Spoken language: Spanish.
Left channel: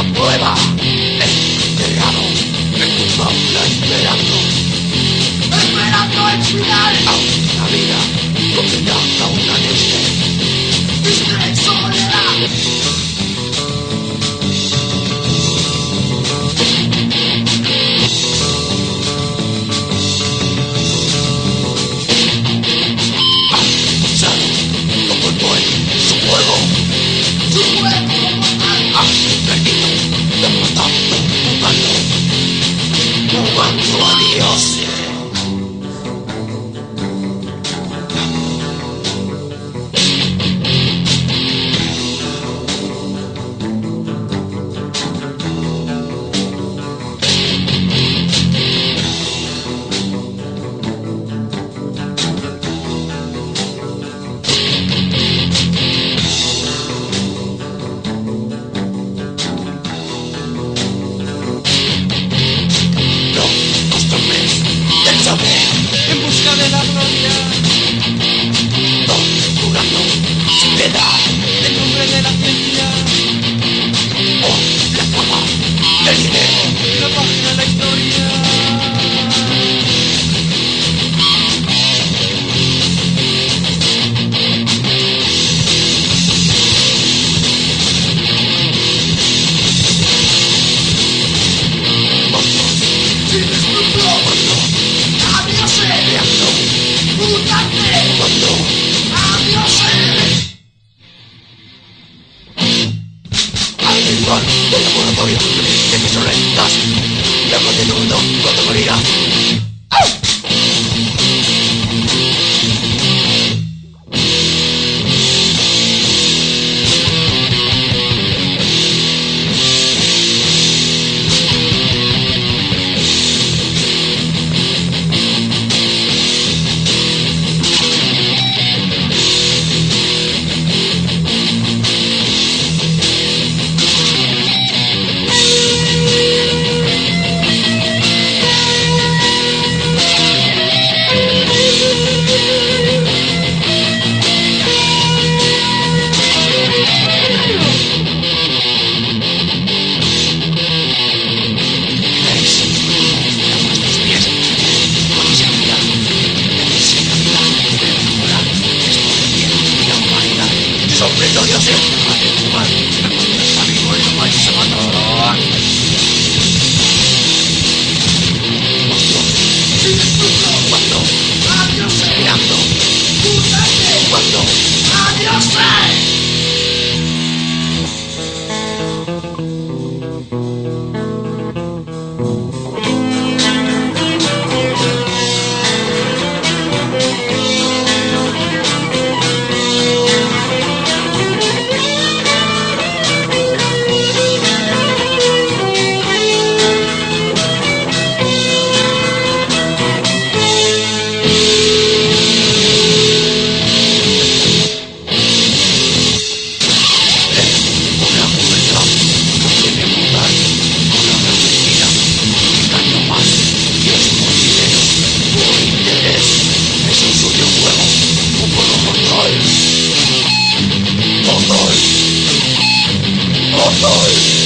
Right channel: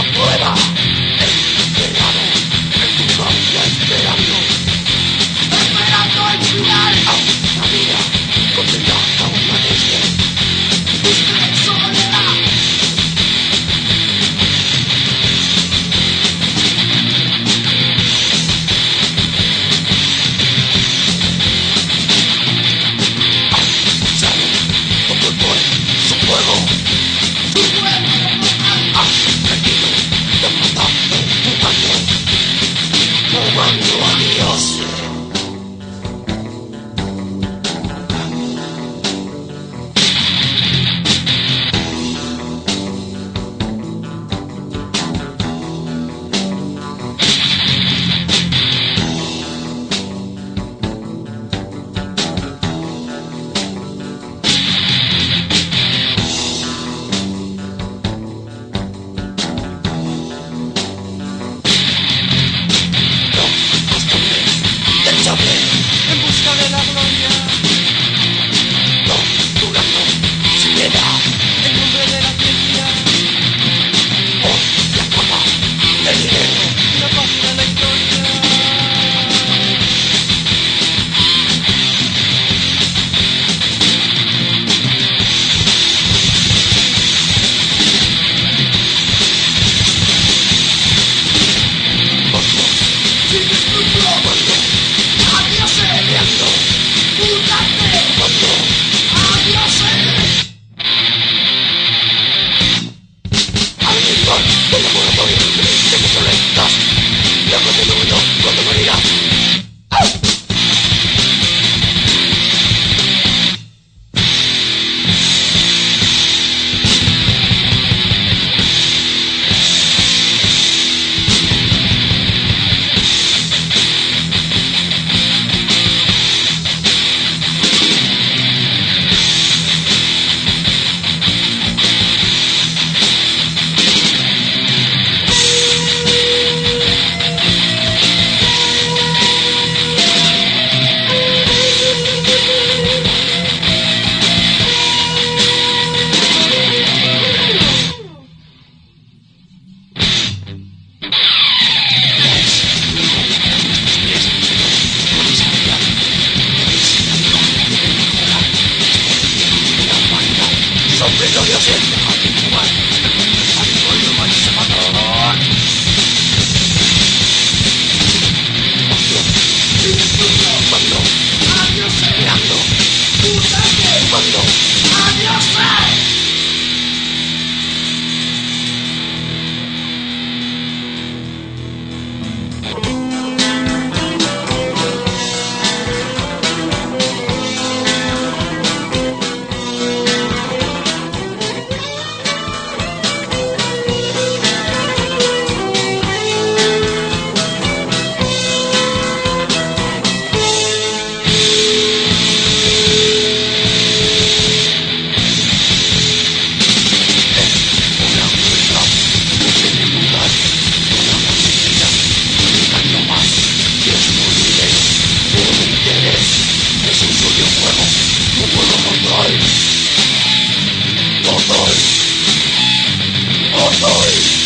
una prueba. Encerrado en tu jaula esperando el final. A una vida condenada a una noche de soledad. Has usado tu cuerpo en su juego. Has perdido, derrotado, jugando a dioses. En busca de la gloria, jugando sin piedad en nombre de la ciencia, la fama, el dinero, la página de la historia. Sin escrúpulos, adiós, peleando, mutante, adiós. Animal del laboratorio de mis orejas, luego del uno cuando morirá. Sofriendo dioses, dejad de jugar, el mundo es amigo y lo vais a matar. Sin escrúpulos, cuando, adiós, peleando, mutante, cuando, adiós. Es un suyo juego, un juego mortal. Mortal. Mortal.